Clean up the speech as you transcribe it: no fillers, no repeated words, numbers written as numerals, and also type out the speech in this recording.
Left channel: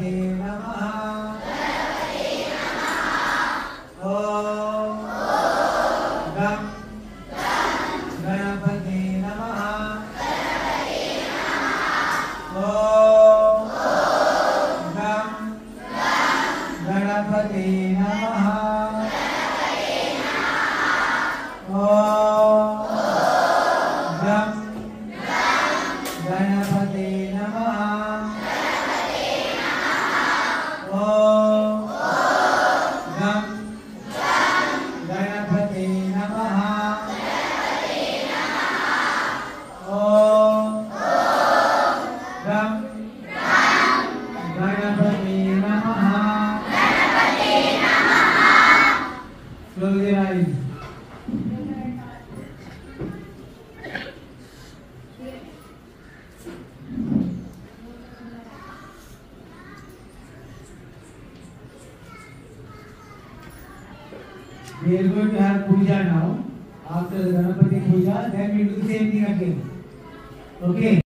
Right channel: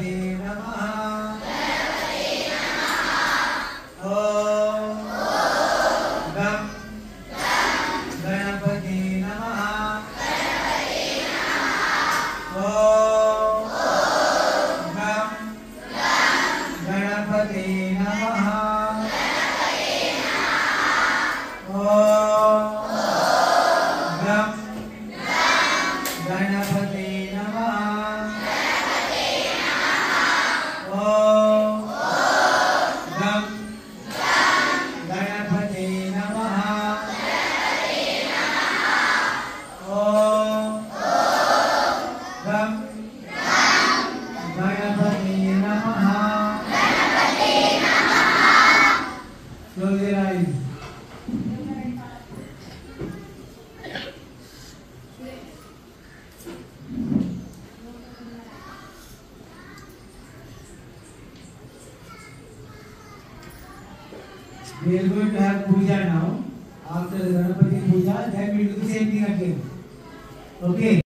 गणपते नमः ओम गं गणपते नमः ओम गं गणपते नमः ओम गं गणपते नमः ओम गं गणपते नमः ओम गं गणपते नमः slowly rise we are going to have puja now after the Ganapati puja then we do the same thing again okay